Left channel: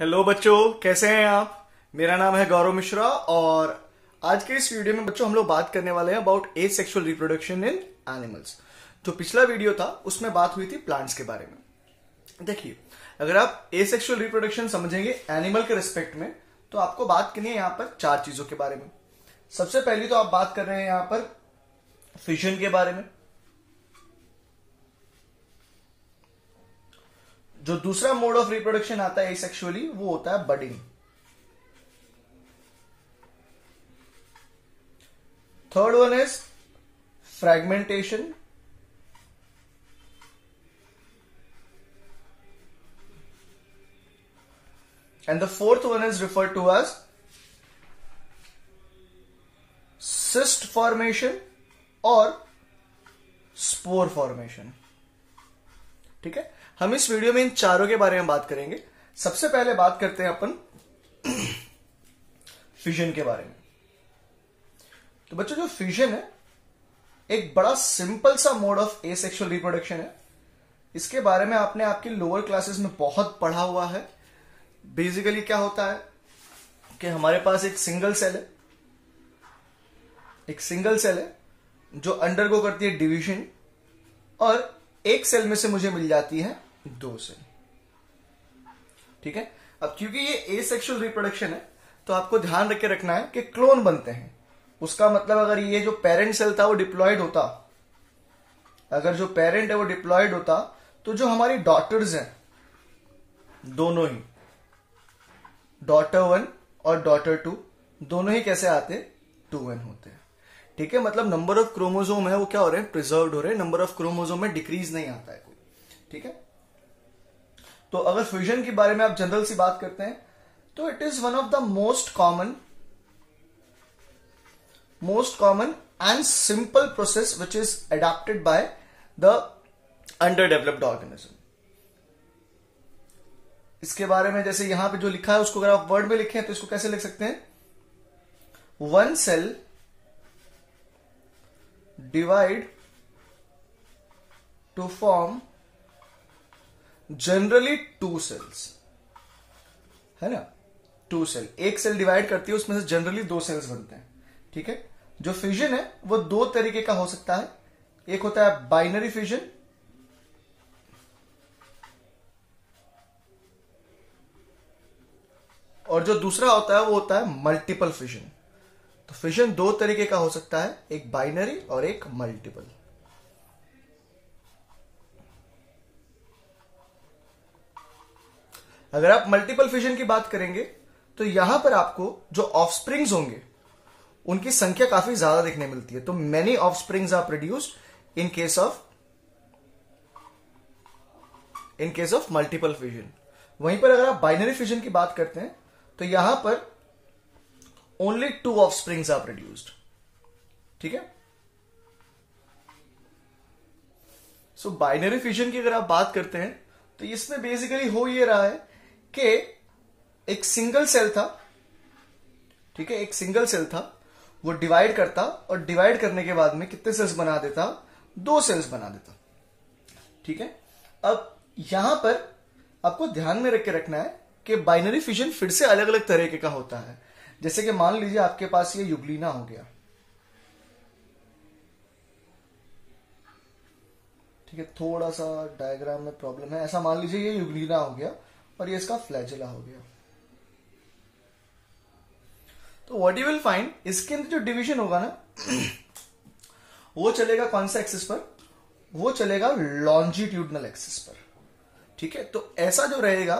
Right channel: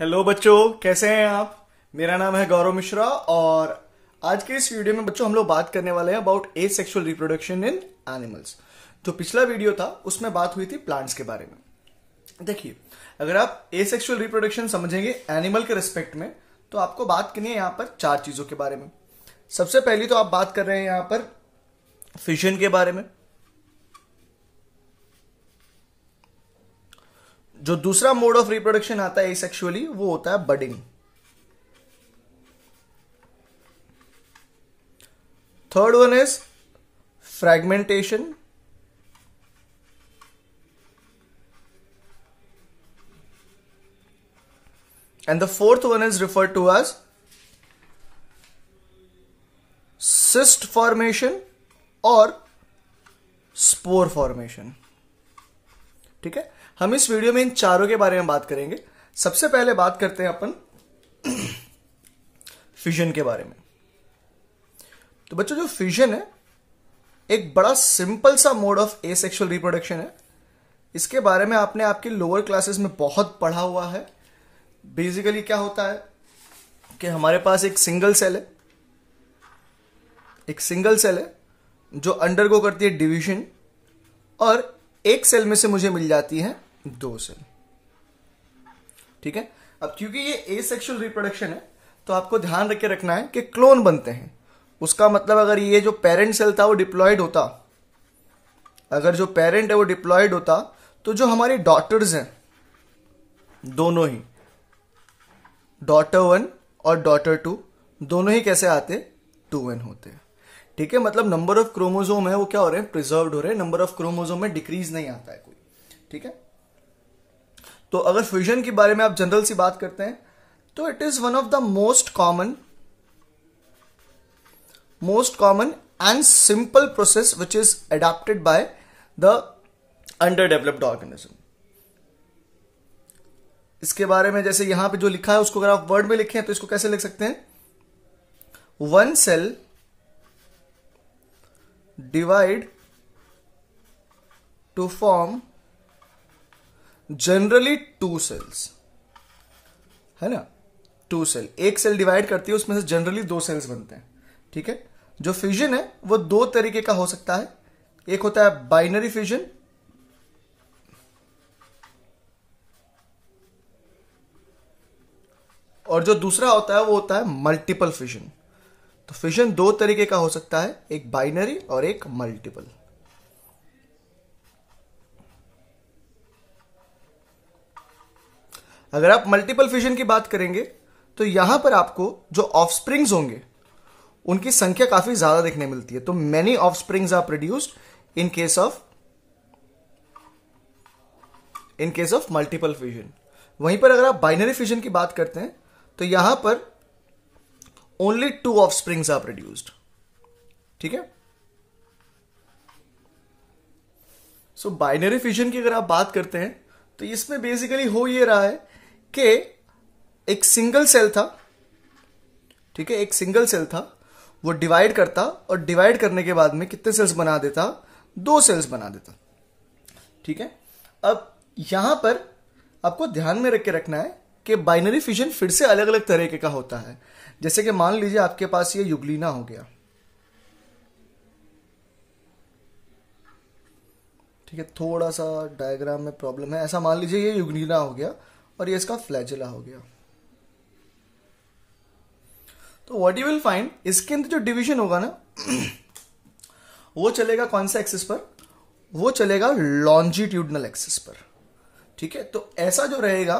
Hello बच्चों, कैसे हैं आप। मेरा नाम है गौरव मिश्रा और आज के इस वीडियो में बच्चों हम लोग बात करने वाले हैं about asexual reproduction in animals. जो पिछला वीडियो था उसमें बात हुई थी प्लांट्स के बारे में। देखिए, अगर आप एसेक्सुअल रिप्रोडक्शन समझेंगे एनिमल के रिस्पेक्ट में तो आपको बात करनी है यहाँ पर चार चीजों के बारे में। सबसे पहली तो आप बात कर रहे हैं यहाँ पर फिशन के बारे में। जो दूसरा मोड ऑफ रिप्रोडक्शन आता है एसेक्सुअली वो होता है budding. Third one is fragmentation. And the fourth one is referred to as cyst formation और स्पोर फॉर्मेशन। ठीक है, हम इस वीडियो में इन चारों के बारे में बात करेंगे। सबसे पहले बात करते हैं अपन फिजन के बारे में। तो बच्चों, जो फिजन है एक बड़ा सिंपल सा मोड ऑफ एसेक्सुअल रिप्रोडक्शन है। इसके बारे में आपने आपके लोअर क्लासेस में बहुत पढ़ा हुआ है। बेसिकली क्या होता है कि हमारे पास एक सिंगल सेल है जो अंडरगो करती है डिवीजन, और एक सेल में से मुझे मिल जाती है दो सेल। ठीक है, अब क्योंकि ये एसेक्सुअल रिप्रोडक्शन है तो आपको ध्यान रख के रखना है कि क्लोन बनते हैं। उसका मतलब अगर ये जो पेरेंट सेल था वो डिप्लॉयड होता, अगर जो पेरेंट है वो डिप्लॉयड होता, तो जो हमारी डॉटर्स हैं दोनों ही, डॉटर 1 और डॉटर 2 दोनों ही कैसे आते, 2n होते हैं। ठीक है, मतलब नंबर ऑफ क्रोमोसोम है वो क्या हो रहे हैं, प्रिजर्व्ड हो रहे हैं। नंबर ऑफ क्रोमोसोम में डिक्रीज नहीं आता है कोई। ठीक है, तो अगर फ्यूजन के बारे में आप जनरल सी बात करते हैं तो it is one of the most common and simple process which is adopted by the under developed organism. इसके बारे में जैसे यहां पे जो लिखा है उसको अगर आप वर्ड में लिखें तो इसको कैसे लिख सकते हैं, one cell divide to form generally 2 cells, है ना। 2 सेल, एक सेल डिवाइड करती है, उसमें से जनरली 2 सेल्स बनते हैं। ठीक है, जो फ्यूजन है वो 2 तरीके का हो सकता है। एक होता है बाइनरी फ्यूजन, और जो दूसरा होता है वो होता है मल्टीपल फ्यूजन। तो फ्यूजन 2 तरीके का हो सकता है, एक बाइनरी और एक मल्टीपल। अगर आप मल्टीपल फ्यूजन की बात करेंगे तो यहां पर आपको जो ऑफस्प्रिंग्स होंगे उनकी संख्या काफी ज्यादा देखने मिलती है। तो many offsprings are produced in case of multiple fusion. वहीं पर अगर आप बाइनरी फ्यूजन की बात करते हैं तो यहां पर ओनली 2 ऑफस्प्रिंग्स आर प्रोड्यूस्ड। ठीक है, सो बाइनरी फ्यूजन की अगर आप बात करते हैं तो इसमें बेसिकली हो ये रहा है कि एक सिंगल सेल था। ठीक है, एक सिंगल सेल था, वो डिवाइड करता और डिवाइड करने के बाद में कितने सेल्स बना देता, 2 सेल्स बना देता। ठीक है, अब यहां पर आपको ध्यान में रख के रखना है कि बाइनरी फ्यूजन फिर से अलग अलग तरीके का होता है। जैसे कि मान लीजिए आपके पास ये युग्लिना हो गया। ठीक है, थोड़ा सा डायग्राम में प्रॉब्लम है। ऐसा मान लीजिए ये युग्लिना हो गया और ये इसका फ्लैजेला हो गया। तो व्हाट यू विल फाइंड, इसके अंदर जो डिवीजन होगा ना वो चलेगा कौन सा एक्सिस पर, वो चलेगा लॉन्जिट्यूडनल एक्सिस पर। ठीक है, तो ऐसा जो रहेगा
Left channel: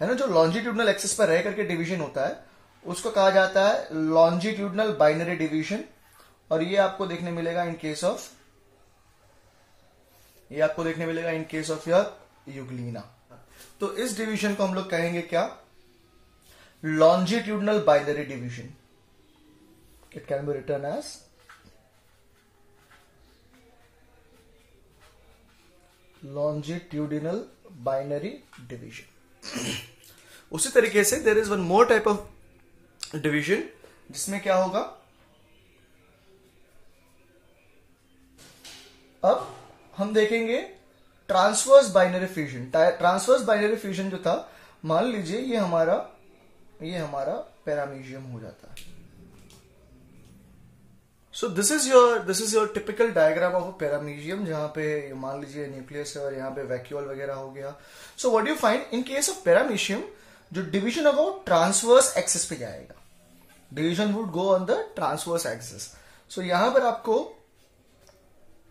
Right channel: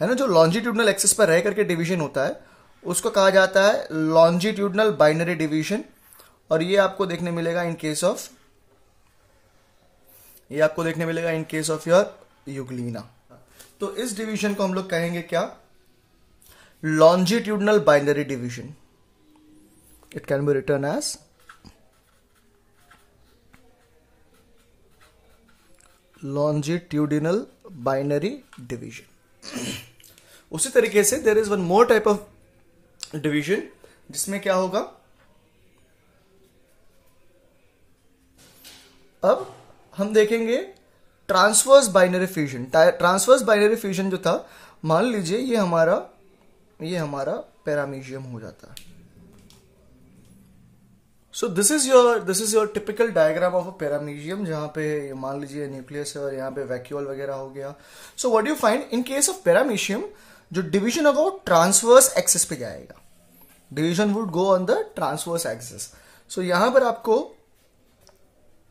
है ना, जो लॉन्जिट्यूडनल एक्सिस पर रह करके डिवीजन होता है उसको कहा जाता है लॉन्जिट्यूडनल बाइनरी डिवीजन। और ये आपको देखने मिलेगा in case of your euglena. तो इस डिवीजन को हम लोग कहेंगे क्या, longitudinal binary division. It can be written as longitudinal binary division. उसी तरीके से there is one more type of division जिसमें क्या होगा, अब हम देखेंगे transverse binary fusion. Transverse binary fusion जो था मान लीजिए ये हमारा पैरामीशियम हो जाता है। So this is your typical diagram of a paramecium, जहां पे मान लीजिए न्यूक्लियस है और यहाँ पे वैक्यूल वगैरह हो गया। So what you find in case of paramecium, जो डिवीजन होगा वो ट्रांसवर्स एक्सिस पे जाएगा। Division would go on the transverse axis. So यहां पर आपको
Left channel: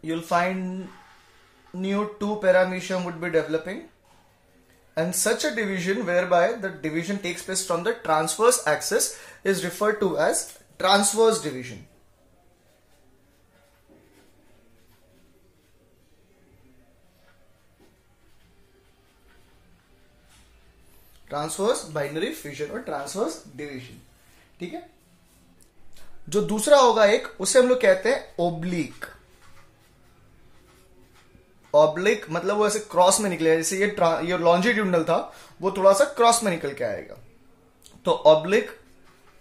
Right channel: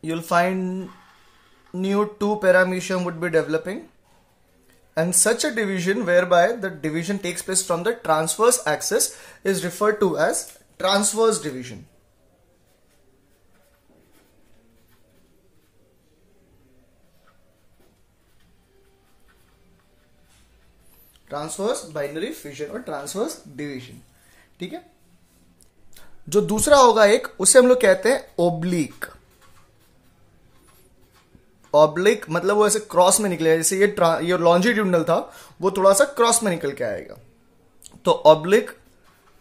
you'll find new 2 paramecium would be developing, and such a division whereby the division takes place from the transverse axis is referred to as transverse division. Transverse binary fusion और transverse division. ठीक है, जो दूसरा होगा एक, उसे हम लोग कहते हैं ओब्लिक। ऑब्लिक मतलब वो ऐसे क्रॉस में निकलेगा, जैसे ये लॉन्जिट्यूडनल था, वो थोड़ा सा क्रॉस में निकल के आएगा, तो ऑब्लिक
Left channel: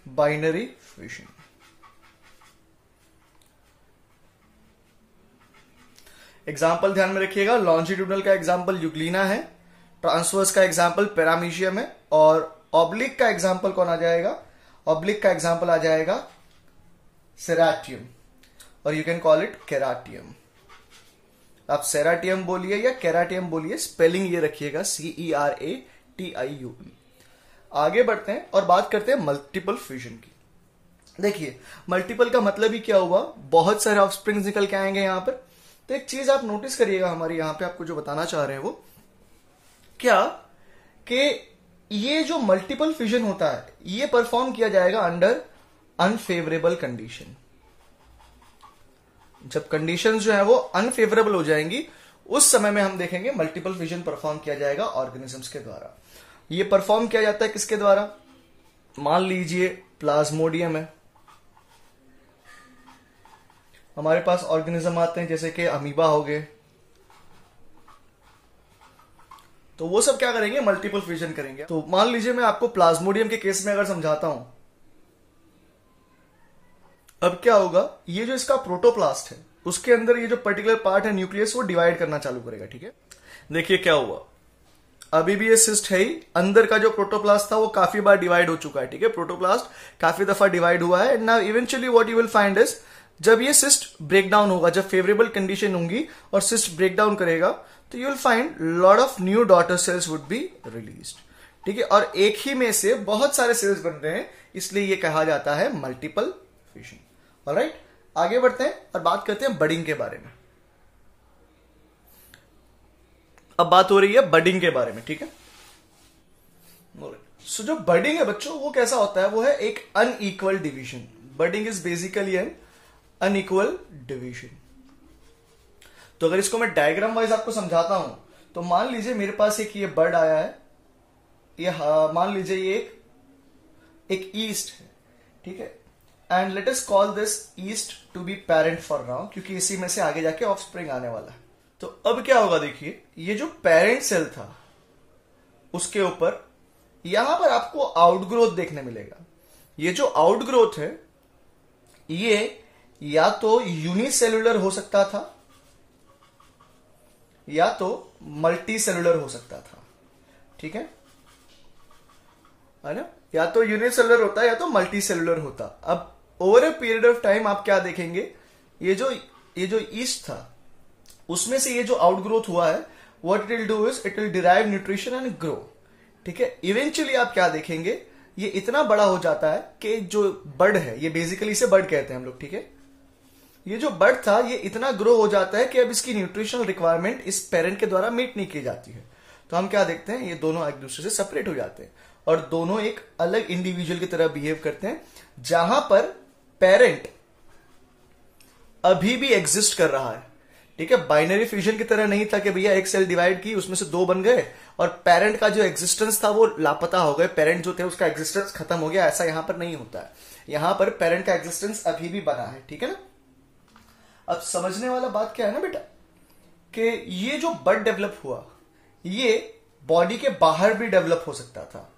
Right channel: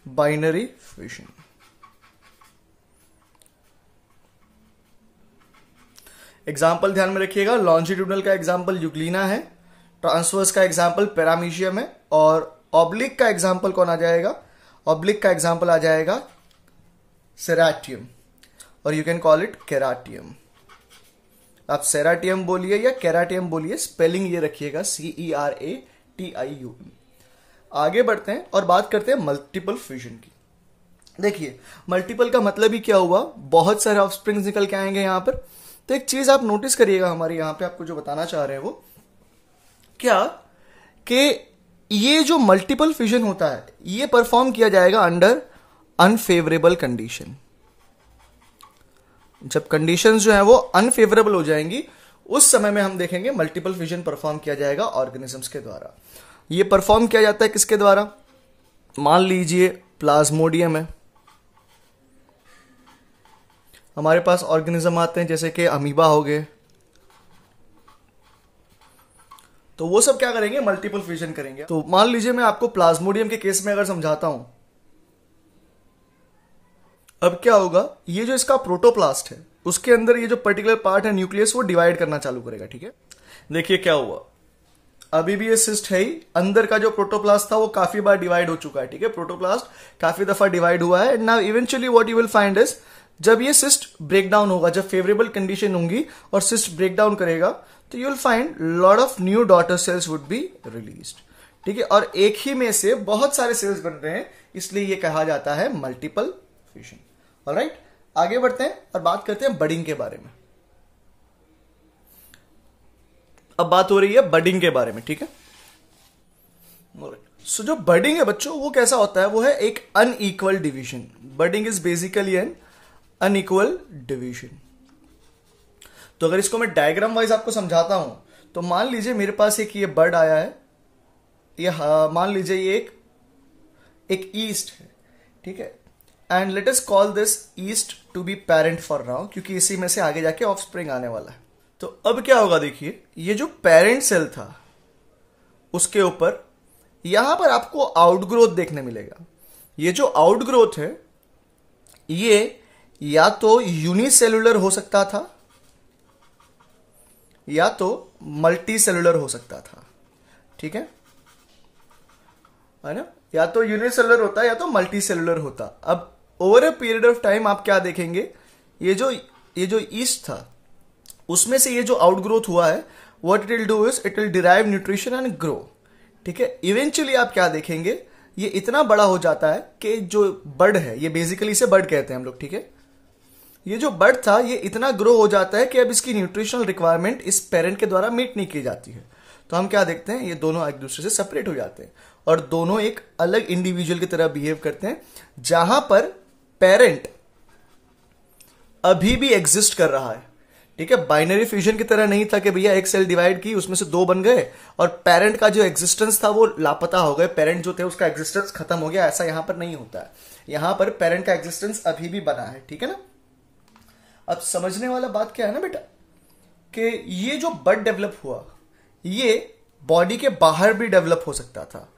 बाइनरी फ्यूजन। एग्जाम्पल ध्यान में रखिएगा, लॉन्जिट्यूडनल का एग्जाम्पल यूग्लिना है, ट्रांसवर्स का एग्जाम्पल पैरामीशियम है, और ऑब्लिक का एग्जाम्पल कौन आ जाएगा? ऑब्लिक का एग्जाम्पल आ जाएगा सेराटियम, और यू कैन कॉल इट केराटियम। आप सेराटियम बोलिए या केराटियम बोलिए, स्पेलिंग ये रखिएगा CERATIUM। आगे बढ़ते हैं और बात करते हैं मल्टीपल फ्यूजन की। देखिए, मल्टीपल का मतलब ही क्या हुआ, बहुत सारे ऑफस्प्रिंग्स निकल के आएंगे यहां पर। तो एक चीज आप नोटिस करिएगा, हमारे यहां पे आपको जो बताना चाह रहे हैं वो क्या, कि ये जो मल्टीपल फ्यूजन होता है ये परफॉर्म किया जाएगा अंडर अनफेवरेबल कंडीशन। जब कंडीशंस जो है वो अनफेवरेबल हो जाएंगी, उस समय में हम देखेंगे मल्टीपल फ्यूजन परफॉर्म किया जाएगा ऑर्गेनिजम्स के द्वारा। ये परफॉर्म किया जाता है किसके द्वारा? मान लीजिए प्लाज्मोडियम है, हमारे पास ऑर्गेनिज्म आते हैं जैसे कि अमीबा हो गए, तो वो सब क्या करेंगे? मल्टीपल फ्यूजन करेंगे। तो मान लीजिए मैं आपको प्लाज्मोडियम के केस में अगर समझाता हूं, अब क्या होगा, ये जो इसका प्रोटोप्लास्ट है उसके अंदर ये जो पर्टिकुलर पार्ट है न्यूक्लियस, वो डिवाइड करना चालू करेगा। ठीक है, देखिए क्या हुआ, अभी भी ये सिस्ट है ही, अंदर का जो प्रोटोप्लास्ट था वो काफी बार डिवाइड हो चुका है। ठीक है, प्रोटोप्लास्ट काफी दफा डिवाइड हुआ है। Now eventually what you will find is, जब ये सिस्ट ब्रेक डाउन होगा, जब फेवरेबल कंडीशन होंगी और सिस्ट ब्रेक डाउन करेगा, तो you will find lot of new daughter cells would be released. ठीक है, और एक ही में से बहुत सारे सेल्स बन रहे हैं, इसलिए ये कहा जाता है मल्टीपल फ्यूजन। ऑलराइट, आगे बढ़ते हैं और बात करते हैं बडिंग के बारे में। अब बात हो रही है बडिंग के बारे में। ठीक है, सो जो बडिंग है बच्चों, वो कैसा होता है? वो है एक unequal division. Budding is basically N unequal division. तो अगर इसको मैं डायग्राम वाइज आपको समझाता हूं, तो मान लीजिए मेरे पास एक ये बर्ड आया है, ये मान लीजिए ये एक ईस्ट है। ठीक है, and let us call this yeast to be parent for now, क्योंकि इसी में से आगे जाके ऑफस्प्रिंग आने वाला है। तो अब क्या होगा, देखिए ये जो पेरेंट सेल था उसके ऊपर यहां पर आपको आउटग्रोथ देखने मिलेगा। ये जो आउटग्रोथ है ये या तो यूनिसेलुलर हो सकता था या तो मल्टी सेलुलर हो सकता था। ठीक है ना, या तो यूनिसेलुलर होता या तो मल्टी सेलुलर होता। अब over a period of time आप क्या देखेंगे, ये जो ईस्ट था उसमें से ये जो आउटग्रोथ हुआ है, what it will do is it will derive nutrition and grow. ठीक है, इवेंचुअली आप क्या देखेंगे, ये इतना बड़ा हो जाता है कि जो बर्ड है, ये बेसिकली इसे बर्ड कहते हैं हम लोग। ठीक है, ये जो बर्ड था ये इतना ग्रो हो जाता है कि अब इसकी न्यूट्रिशनल रिक्वायरमेंट इस पेरेंट के द्वारा मीट नहीं की जाती है। तो हम क्या देखते हैं, ये दोनों एक दूसरे से सेपरेट हो जाते हैं और दोनों एक अलग इंडिविजुअल की तरह बिहेव करते हैं, जहां पर पेरेंट अभी भी एग्जिस्ट कर रहा है। ठीक है, बाइनरी फ्यूजन की तरह नहीं था कि भैया एक सेल डिवाइड की उसमें से 2 बन गए और पेरेंट का जो एग्जिस्टेंस था वो लापता हो गए, पेरेंट जो थे उसका एग्जिस्टेंस खत्म हो गया। ऐसा यहां पर नहीं होता है, यहां पर पेरेंट का एग्जिस्टेंस अभी भी बना है। ठीक है ना, अब समझने वाला बात क्या है ना बेटा, कि ये जो बर्ड डेवलप हुआ ये बॉडी के बाहर भी डेवलप हो सकता था।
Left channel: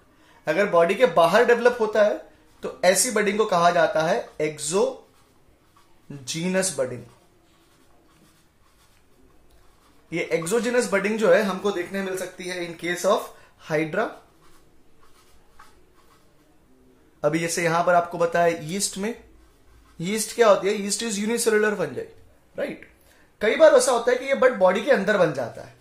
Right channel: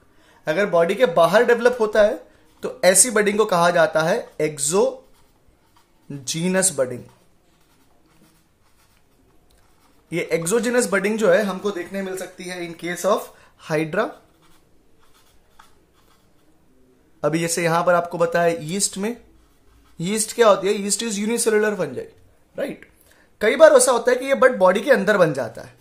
अगर बॉडी के बाहर डेवलप होता है तो ऐसी बडिंग को कहा जाता है एक्सोजीनस बडिंग। ये एक्सोजीनस बडिंग जो है हमको देखने मिल सकती है इन केस ऑफ हाइड्रा अभी जैसे यहां पर आपको बताया ईस्ट में, ईस्ट क्या होती है, east is unicellular fungi, right. कई बार ऐसा होता है कि ये बड बॉडी के अंदर बन जाता है,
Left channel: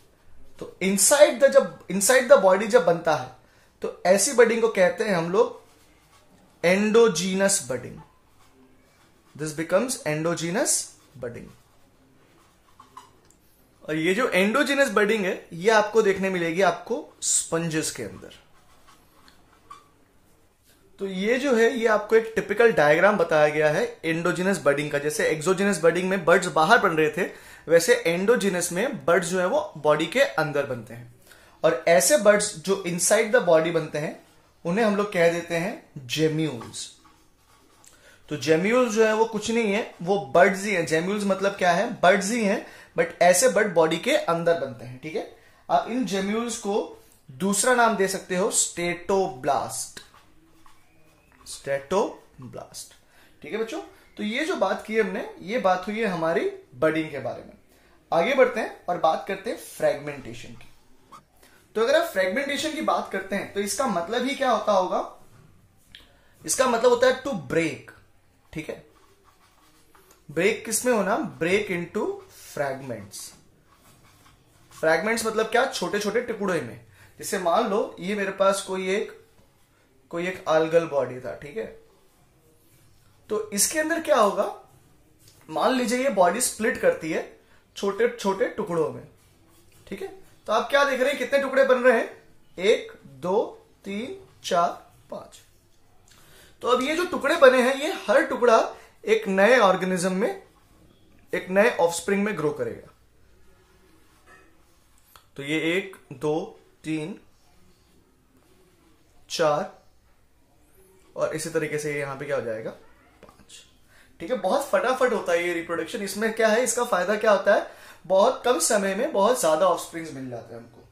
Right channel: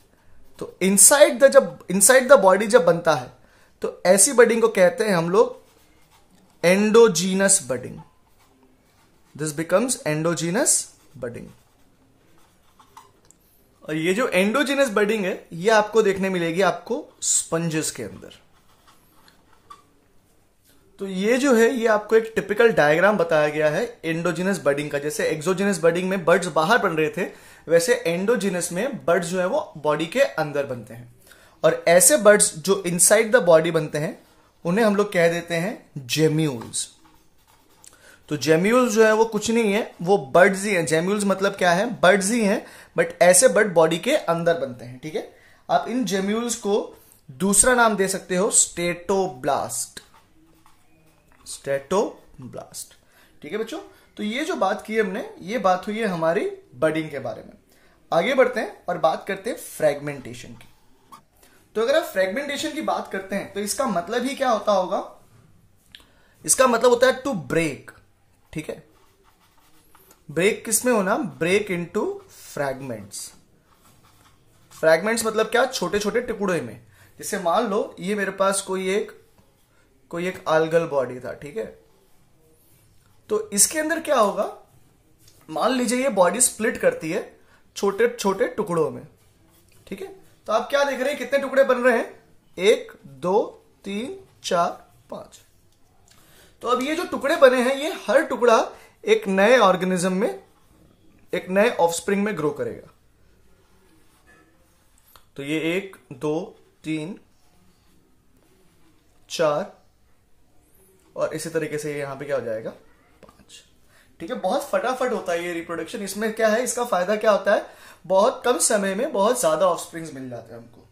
तो इनसाइड द बॉडी जब बनता है तो ऐसी बडिंग को कहते हैं हम लोग endogenous budding. This becomes endogenous budding. और ये जो एंडोजीनस बडिंग है ये आपको देखने मिलेगी आपको स्पंजेस के अंदर। तो ये जो है ये आपको एक टिपिकल डायग्राम बताया गया है एंडोजीनस बडिंग का। जैसे एक्सोजीनस बडिंग में बर्ड्स बाहर बन रहे थे, वैसे एंडोजीनस में बर्ड्स जो है वो बॉडी के अंदर बनते हैं। और ऐसे बर्ड्स जो इनसाइड द बॉडी बनते हैं उन्हें हम लोग कह देते हैं जेम्यूल्स। तो जेम्यूल्स जो है वो कुछ नहीं है, वो बर्ड्स ही हैं। जेम्यूल्स मतलब क्या है, बर्ड्स ही हैं, बट ऐसे बर्ड बॉडी के अंदर बनते हैं, ठीक है। आप इन जेम्यूल्स को दूसरा नाम दे सकते हो स्टेटोब्लास्ट, स्टेटोब्लास्ट, ठीक है बच्चों। तो ये जो बात की हमने, ये बात हुई है हमारी बडिंग के बारे में। आगे बढ़ते हैं और बात करते हैं फ्रेगमेंटेशन की। तो अगर आप फ्रेगमेंटेशन की बात करते हैं तो इसका मतलब ही क्या होता होगा, इसका मतलब होता है टू ब्रेक, ठीक है। ब्रेक किसमें होना, ब्रेक इनटू फ्रैगमेंट्स। फ्रैगमेंट्स मतलब क्या, छोटे छोटे टुकड़े में। जैसे मान लो ये मेरे पास कोई एक आल्गल बॉडी था, ठीक है। तो इसके अंदर क्या होगा, मान लीजिए ये बॉडी स्प्लिट करती है छोटे छोटे टुकड़ों में, ठीक है। तो आप क्या देख रहे हैं, कितने टुकड़े बन रहे हैं, 1 2 3 4 5। तो अब ये जो टुकड़े बने हैं ये हर टुकड़ा एक नए ऑर्गेनिज्म में, एक नए ऑफस्प्रिंग में ग्रो करेगा। तो ये 1 2 3 4 और इसी तरीके से यहां पे क्या हो जाएगा, 5, ठीक है। बहुत फटाफट होता है ये रिप्रोडक्शन। इसमें क्या है, इसका फायदा क्या होता है, बहुत कम समय में बहुत ज्यादा ऑफस्प्रिंग्स मिल जाते हैं हमको।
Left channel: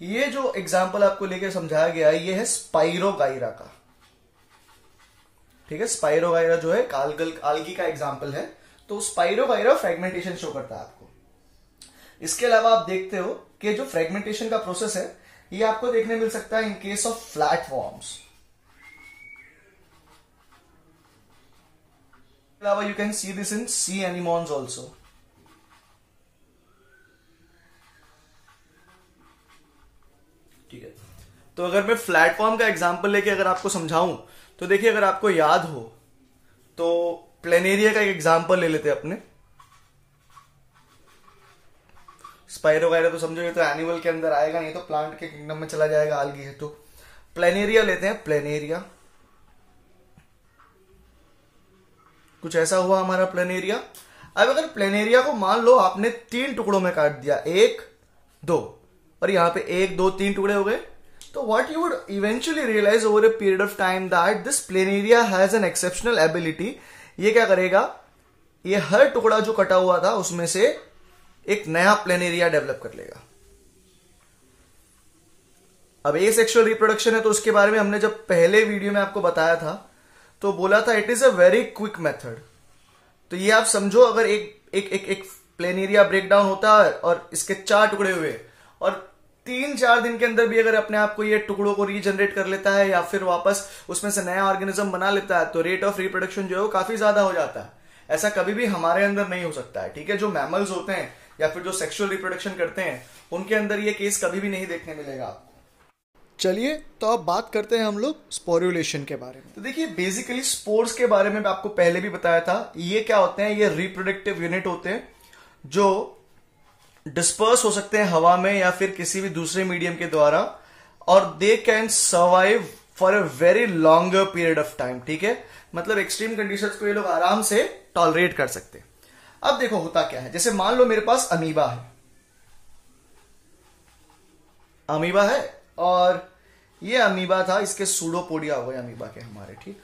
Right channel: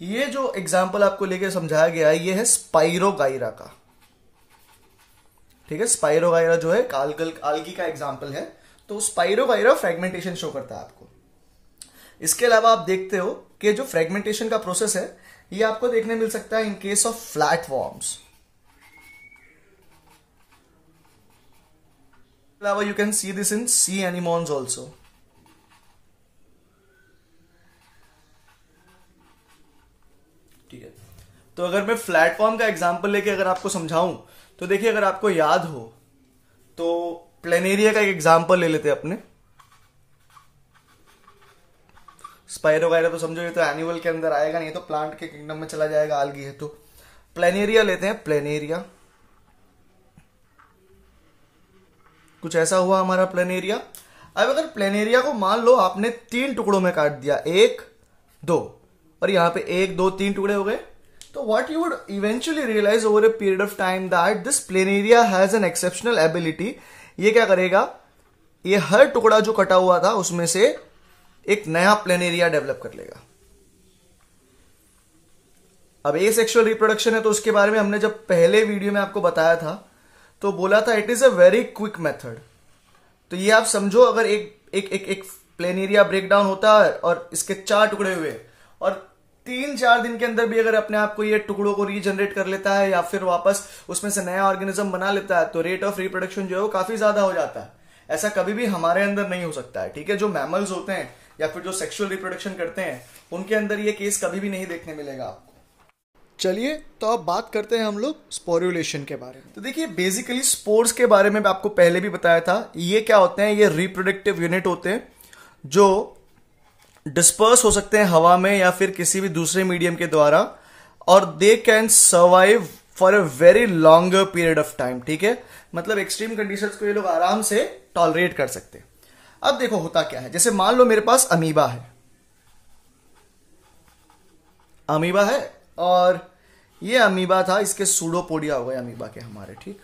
ये जो एग्जाम्पल आपको लेके समझाया गया है ये है स्पाइरोगाइरा का, ठीक है। स्पाइरोगाइरा जो है आल्गी का एग्जाम्पल है। तो स्पाइरोगाइरा फ्रेगमेंटेशन शो करता है आपको। इसके अलावा आप देखते हो कि जो फ्रेगमेंटेशन का प्रोसेस है ये आपको देखने मिल सकता है in case of flat worms. अलावा you can see this in sea anemones also. ठीक है, तो अगर मैं फ्लैट फॉर्म का एग्जांपल लेके अगर आपको समझाऊं तो देखिए, अगर आपको याद हो तो प्लेनेरिया का एक एग्जांपल ले लेते हैं अपने। स्पाइरोगाइरा तो समझो ये तो एनिमल के अंदर आएगा नहीं, तो प्लांट के किंगडम में चला जाएगा, आल्गी है। तो प्लेनेरिया लेते हैं, प्लेनेरिया कुछ ऐसा हुआ हमारा प्लेनेरिया। अब अगर प्लेनेरिया को मान लो आपने 3 टुकड़ों में काट दिया, 1 2 और यहां पे 1 2 3 टुकड़े हो गए, तो what you would eventually realise over a period of time that this planaria has an exceptional ability. ये क्या करेगा, ये हर टुकड़ा जो कटा हुआ था उसमें से एक नया प्लेनेरिया डेवलप कर लेगा। अब एसेक्सुअल रिप्रोडक्शन है तो उसके बारे में हमने जब पहले वीडियो में आपको बताया था तो बोला था it is a very quick method. तो ये आप समझो, अगर एक प्लेनेरिया ब्रेकडाउन होता है और इसके 4 टुकड़े हुए और 3-4 दिन के अंदर भी अगर अपने आप को ये टुकड़ों को रीजनरेट कर लेता है या फिर वापस उसमें से नया ऑर्गेनिज्म बना लेता है, तो रेट ऑफ रिप्रोडक्शन जो है वो काफी ज्यादा हो जाता है। ऐसा कभी भी हमारे अंदर नहीं हो सकता है, ठीक है। जो मैमल्स होते हैं या फिर जो सेक्सुअल रिप्रोडक्शन करते हैं उनके अंदर ये केस कभी भी नहीं देखने मिलेगा आपको। चलिए, तो अब बात करते हैं हम लोग स्पोरुलेशन के बारे में। तो देखिए, बेसिकली स्पोर्स के बारे में आपको पहले भी बताया था। ये क्या होते हैं, ये रिप्रोडक्टिव यूनिट होते हैं जो डिस्पर्स हो सकते हैं हवा में या फिर किसी भी दूसरे मीडियम के द्वारा, और they can survive for a very longer period of time, ठीक है। मतलब एक्सट्रीम कंडीशंस को ये लोग आराम से टॉलरेट कर सकते हैं। अब देखो होता क्या है, जैसे मान लो मेरे पास अमीबा है, अमीबा है और ये अमीबा था, इसके सूडोपोडिया हो गए अमीबा के हमारे, ठीक।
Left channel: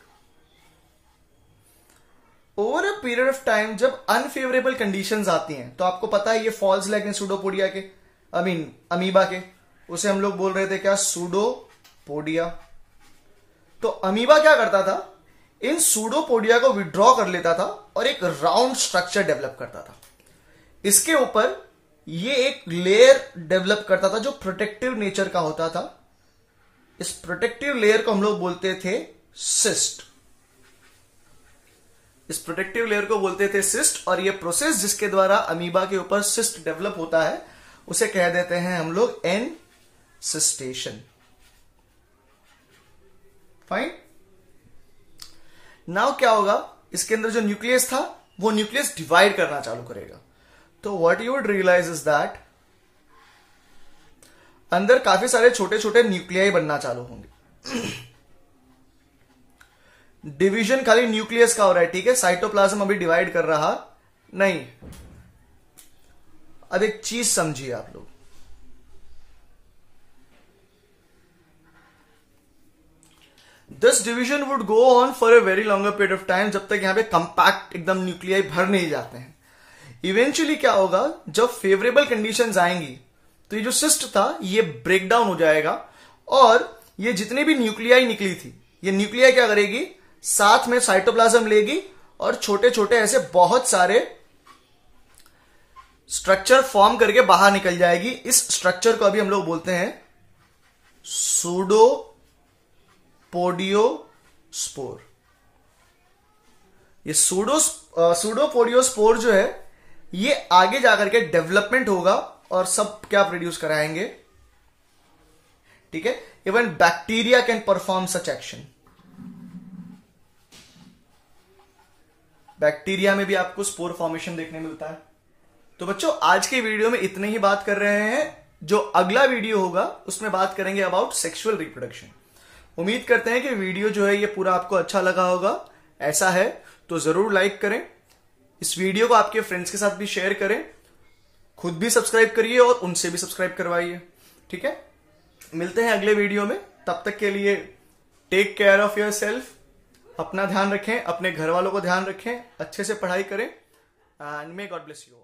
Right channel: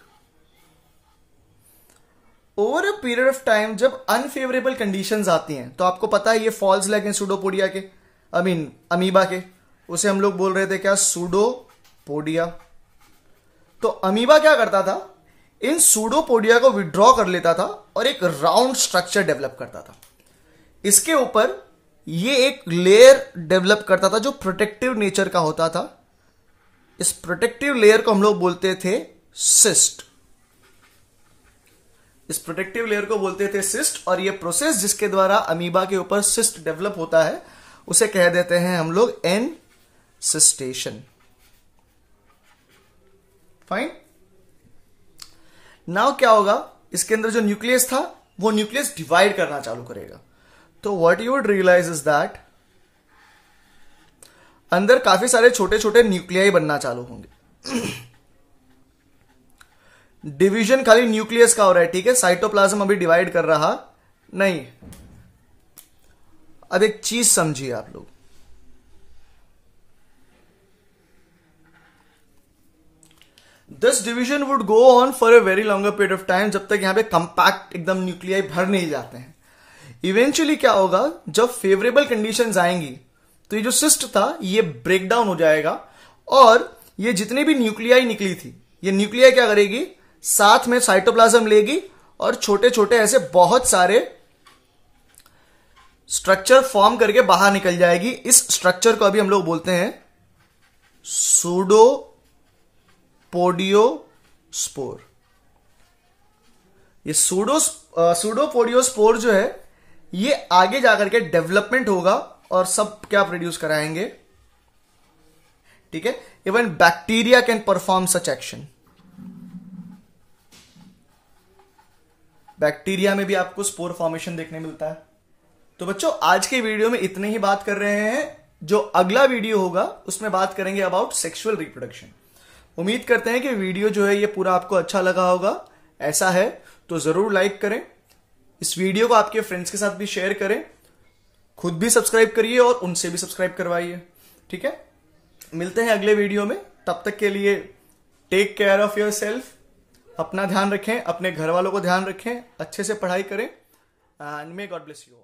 Over a period of time जब अनफेवरेबल कंडीशंस आती हैं, तो आपको पता है ये फॉल्स लाइक इन सूडोपोडिया के, अमीबा के, उसे हम लोग बोल रहे थे क्या, सूडोपोडिया। तो अमीबा क्या करता था, इन सूडोपोडिया को विड्रॉ कर लेता था और एक राउंड स्ट्रक्चर डेवलप करता था। इसके ऊपर ये एक लेयर डेवलप करता था जो प्रोटेक्टिव नेचर का होता था। इस प्रोटेक्टिव लेयर को हम लोग बोलते थे सिस्ट। इस प्रोटेक्टिव लेयर को बोलते थे सिस्ट, और ये प्रोसेस जिसके द्वारा अमीबा के ऊपर सिस्ट डेवलप होता है उसे कह देते हैं हम लोग एनसिस्टेशन। फाइन। नाउ क्या होगा, इसके अंदर जो न्यूक्लियस था वो न्यूक्लियस डिवाइड करना चालू करेगा। तो what you would realise is that अंदर काफी सारे छोटे छोटे न्यूक्लियाई बनना चालू होंगे। डिवीजन खाली न्यूक्लियस का हो रहा है, ठीक है, साइटोप्लाज्म अभी डिवाइड कर रहा नहीं। अब एक चीज समझिए आप लोग, this division would go on for a very longer period of time, जब तक यहां पे कंपैक्ट एकदम न्यूक्लियाई भर नहीं जाते हैं। इवेंचुअली क्या होगा, जब फेवरेबल कंडीशंस आएंगी तो ये जो सिस्ट था ये ब्रेक डाउन हो जाएगा, और ये जितने भी न्यूक्लियाई निकली थी ये न्यूक्लियाई क्या करेगी, साथ में साइटोप्लाज्म लेगी और छोटे छोटे ऐसे बहुत सारे स्ट्रक्चर फॉर्म करके बाहर निकल जाएगी। इस स्ट्रक्चर को अभी हम लोग बोलते हैं सूडोपोडियोस्पोर। ये सूडोपोडियोस्पोर जो है ये आगे जाकर के डेवलपमेंट होगा और सब क्या प्रोड्यूस कराएंगे, ठीक है। Even bacteria can perform such action. Bacteria में भी आपको स्पोर फॉर्मेशन देखने मिलता है। तो बच्चों आज के वीडियो में इतने ही बात कर रहे हैं। जो अगला वीडियो होगा उसमें बात करेंगे अबाउट सेक्सुअल रिप्रोडक्शन। उम्मीद करते हैं कि वीडियो जो है ये पूरा आपको अच्छा लगा होगा। ऐसा है तो जरूर लाइक करें, इस वीडियो को आपके फ्रेंड्स के साथ भी शेयर करें, खुद भी सब्सक्राइब करिए और उनसे भी सब्सक्राइब करवाइए, ठीक है। मिलते हैं अगले वीडियो में, तब तक के लिए take care of yourself. अपना ध्यान रखें, अपने घर वालों को ध्यान रखें, अच्छे से पढ़ाई करें, and may God bless you all.